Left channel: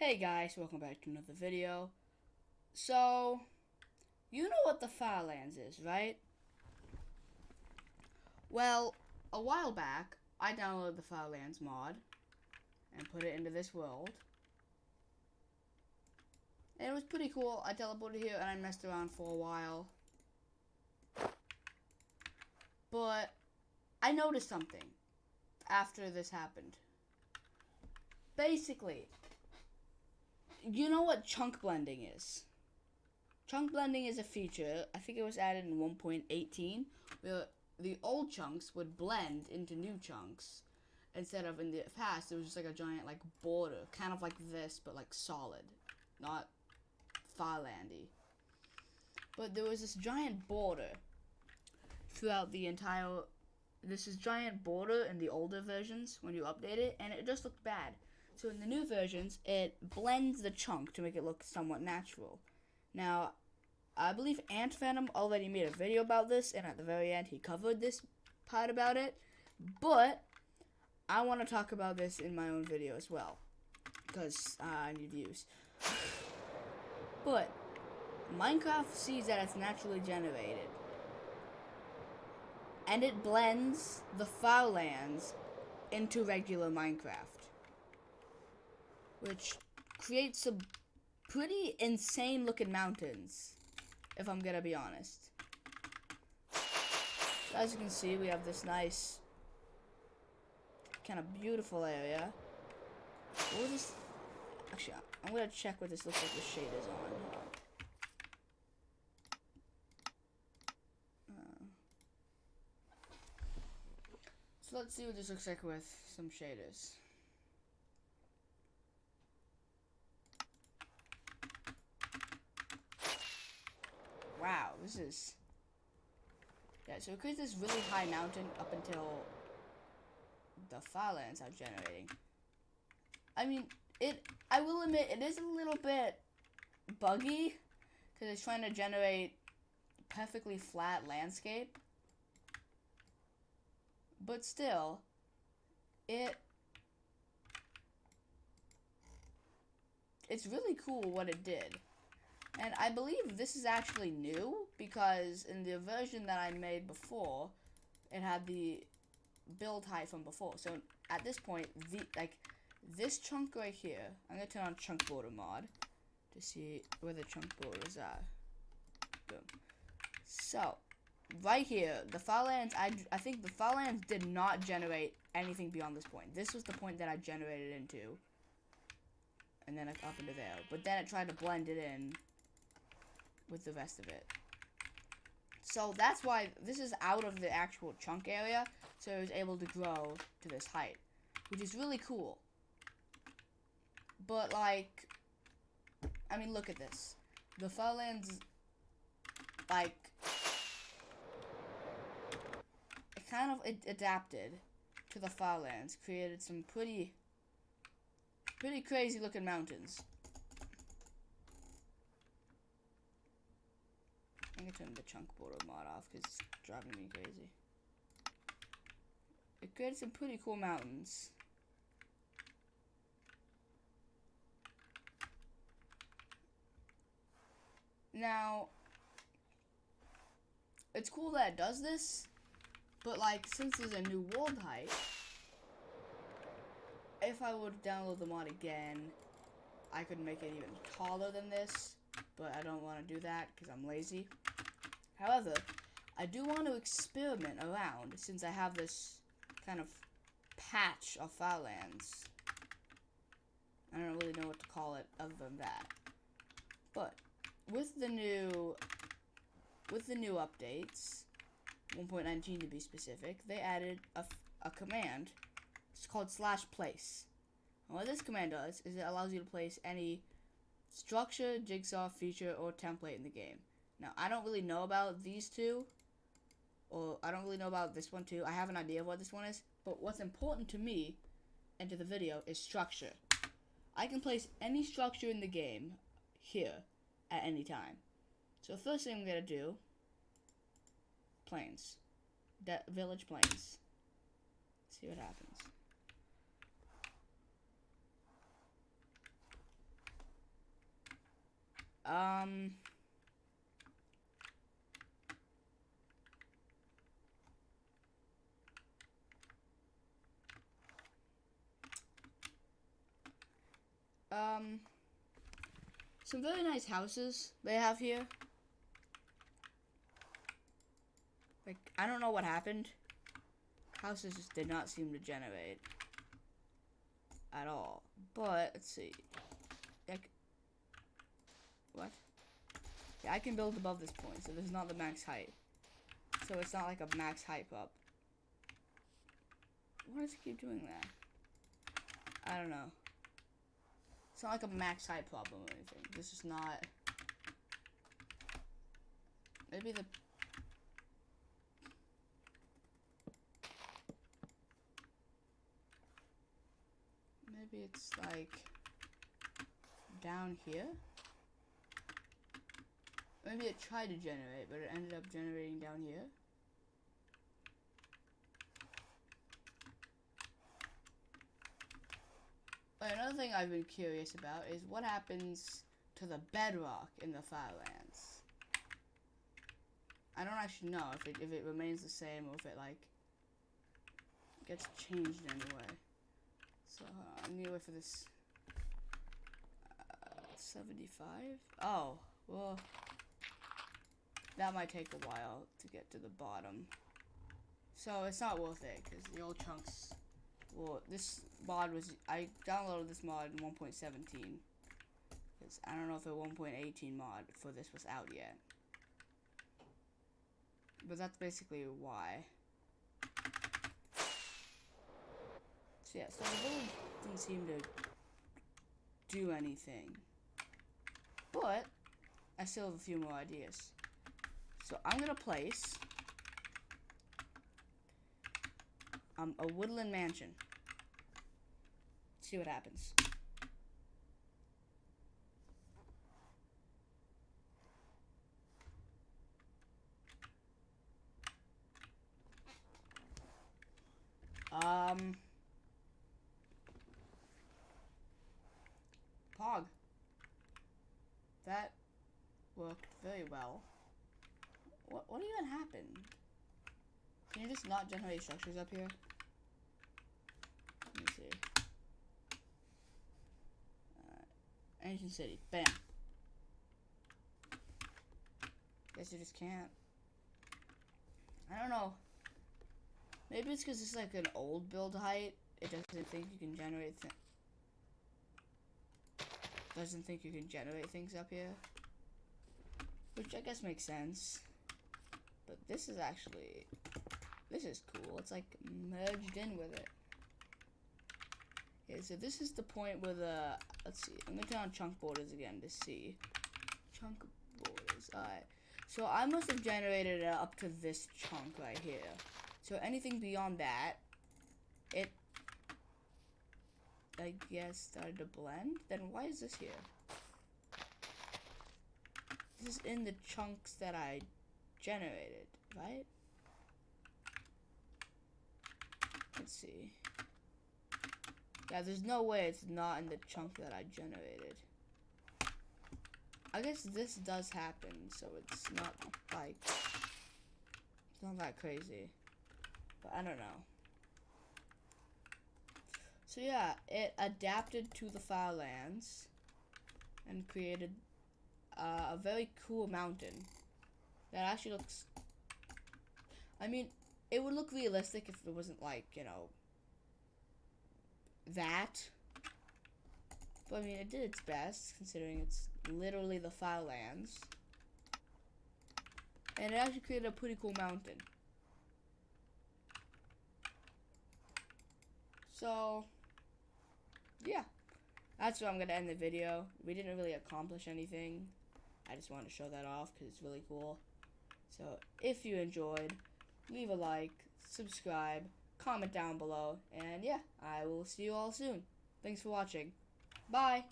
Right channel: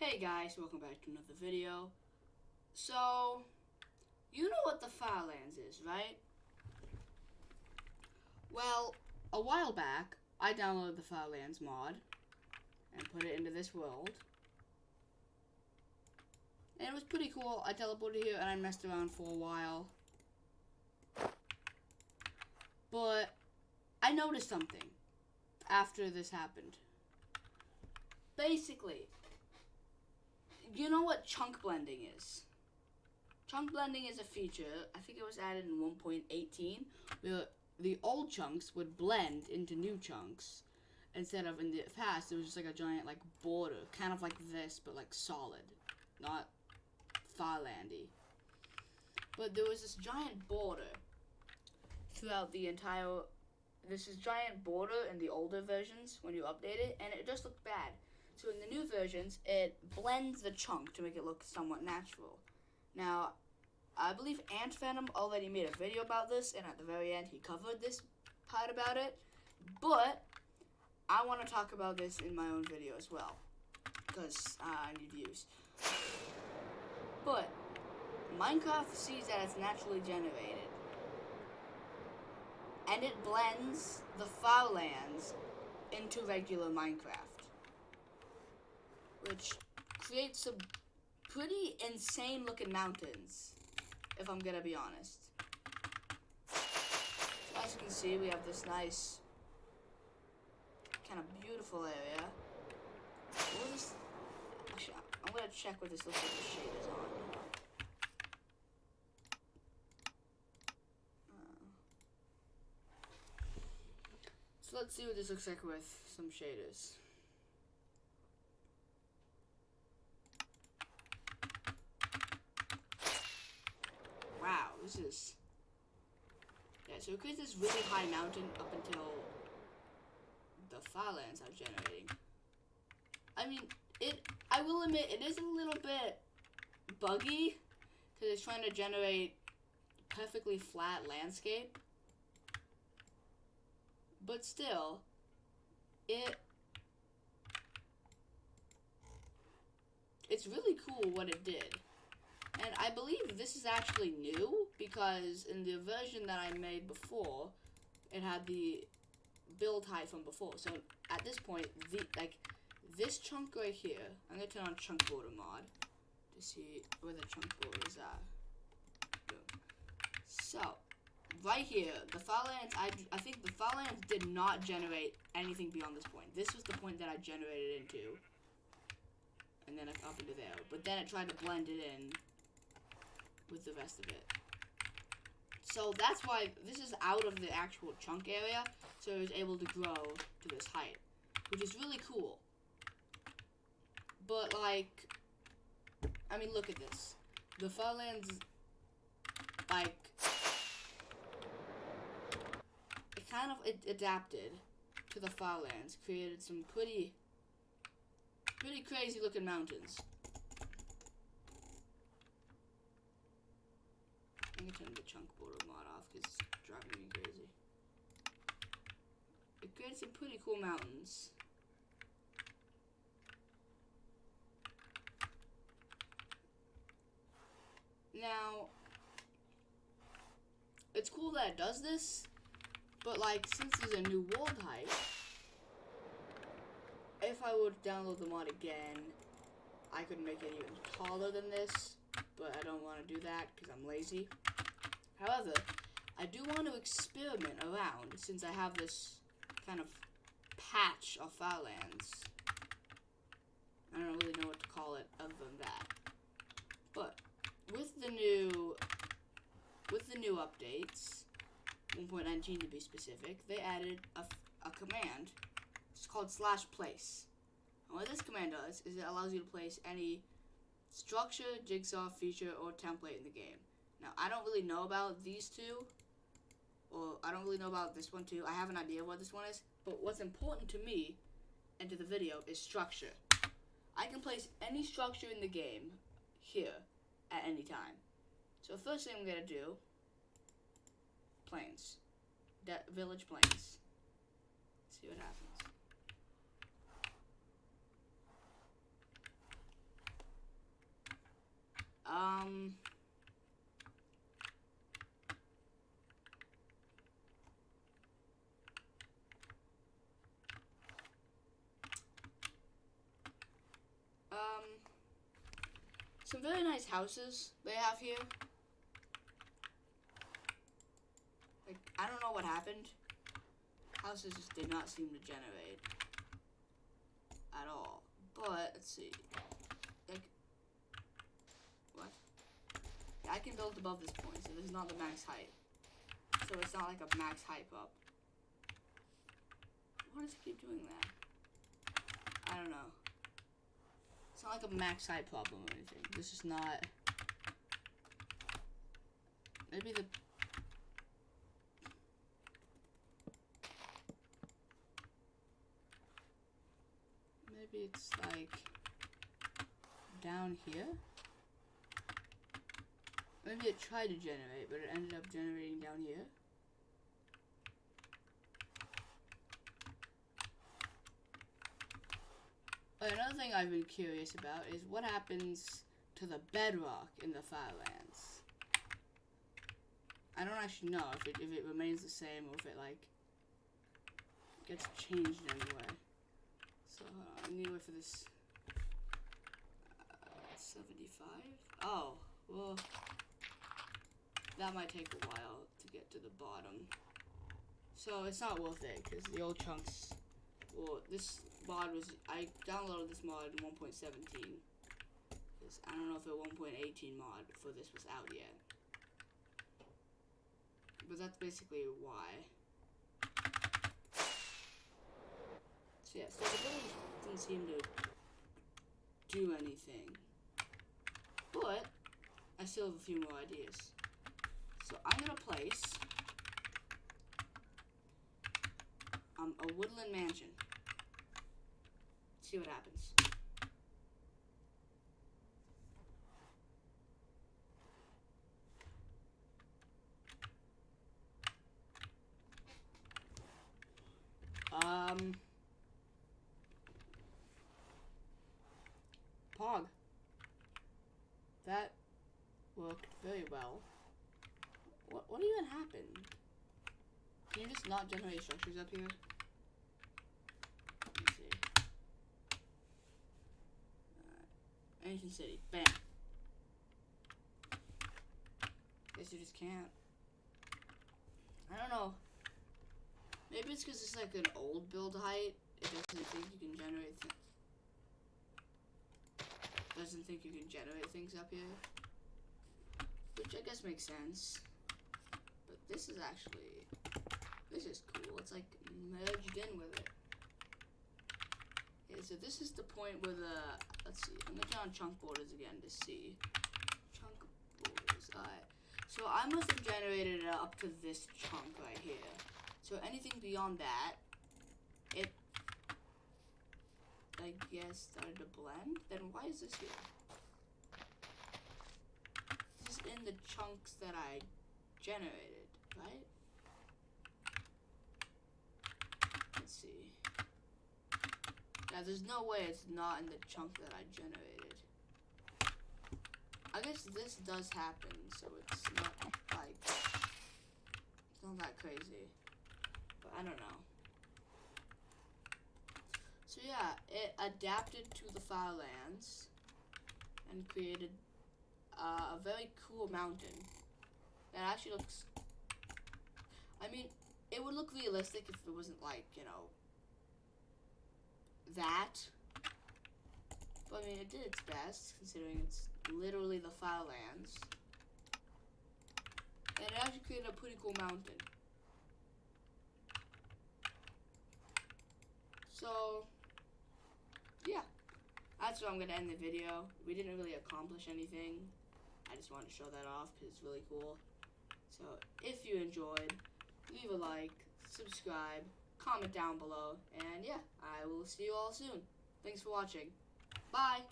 Hey guys, welcome back to another video. So, you know what the Farlands is, right? Well, a while back, I downloaded the Farlands mod and put it into this world. And it was pretty cool. I teleported here and I messed around for a while. But I noticed something after this happened. Basically, you know what chunk blending is? Chunk blending is a feature, I think it was added in 1.18, where the old chunks would blend into new chunks. Instead of in the past, it was just like a giant border, kind of like this, but solid, not Farlandy. But there was this giant border throughout the entire, this is giant border in the older versions when you update it, and it just looked bad. So in the new versions, it blends the chunk to make it look somewhat natural. Now, I believe Ant Venom already made a video about this, and at the very end he covered this part about it. But I want to talk about this in my own video as well, because I need views. But Minecraft sees that it's naturally generated, and it blends the Farlands into regular Minecraft, which creates some pretty insane looking mountains, if I'm gonna be honest. As you can see, we have this nice, kind of beautiful area. What is this? Actually, I'm gonna check what this looks like the shade is on. So let's see what this looks like with some shaders. Wow, this is... Yeah, so it creates this really high mountain up until the Farlands are generating. I mean, I will admit, it is a little bit buggy, because it's trying to generate perfectly flat landscape. But still, it's really cool what it did. And I believe this is actually new, because in the version that I made before, it had the build height from before. So at this point, this chunk right here, I'm gonna turn on chunk border mod to see where the chunk borders are. Boom. So right here, the Farlands, I think the Farlands did not generate anything beyond this point. This was the point that I generated into, and then up into there. But then it tried to blend it in with the rest of it. So that's why this is out of the actual chunk area, so it was able to grow to this height, which is really cool. But I mean, look at this. The Farlands, it adapted to the Farlands, created some pretty crazy looking mountains. I'm gonna turn the chunk border mod off because it's driving me crazy. It created some pretty cool mountains. Now, it's cool that it does this, but since there's a new world height, if I would download the mod again, I could make it even taller than this, but I don't want to do that because I'm lazy. However, I do want to experiment around since I have this kind of patch of Farlands. I don't really know what to call it other than that. But with the new updates, 1.19 to be specific, they added a command. It's called /place. And what this command does is it allows you to place any structure, jigsaw, feature, or template in the game. Now, I don't really know about these two, or I don't really know about this one too. I have an idea of what this one is, but what's important to me and to the video is structure. I can place any structure in the game here at any time. So the first thing I'm going to do, plains. Village plains. See what happens. Some very nice houses they have here. Like, I don't know what happened. Houses just did not seem to generate at all. But, let's see. Like, what? Yeah, I can build above this point, so this is not the max height. So it's not like a max height up. Why does it keep doing that? I don't know. It's not like a max height problem or anything. This is not... Maybe the... Maybe it's like... down here? Maybe it tried to generate, but it ended up generating down here. Another thing I've been curious about is what happens to the bedrock in the Farlands. I don't actually know if it remains the same or if it like gets changed in any way. So I need to wait for this. 75? Oh, well, that might take a while to get to the bottom. So it's not worth it because the old chunks. Well, this mod was, I downloaded this mod in 1.17, because I don't know if a 1.18 mod for this was out yet, but that's basically why. So yeah, so it really didn't seem to do anything, but I still have a few more ideas. So I'm gonna place a woodland mansion. See what happens. Pog. That worked very well. What even happened? Can you just not generate structures up here? Let me see. Ancient city. Bam. Guess you just can't. I don't know. Maybe it's because it's like an old build height. It doesn't think you can generate doesn't think you can generate things up here. Which I guess makes sense. But this is actually... This is cool. It's like merged in with it. Okay, so this is the point where the... Let's see. I'm going to turn on chunk borders again to see. Chunk borders. Alright. So I must have generated it up to this chunk right here. So anything beyond that, it... I guess started to blend. Then why is this here? This is in the chunks that I generated, right? Let's see. Yeah, there's no way it's not in the chunk that I generated. I guess this does happen, so it's not like... It's not that crazy. But I don't know. So yeah, it adapted to the Farlands and created a very cool mountain that actually looks... I mean, it would look realistic if it wasn't like, you know, that. But I mean, it did its best, considering it's literally the Farlands. And it actually created a pretty cool mountain. So, yeah. That's where I'm going to end the video. We didn't really accomplish anything. I just wanted to show that off because it's really cool. So, if you enjoyed, leave a like, subscribe, comment down below, and yeah, I will see you all soon. Thanks for watching. Bye!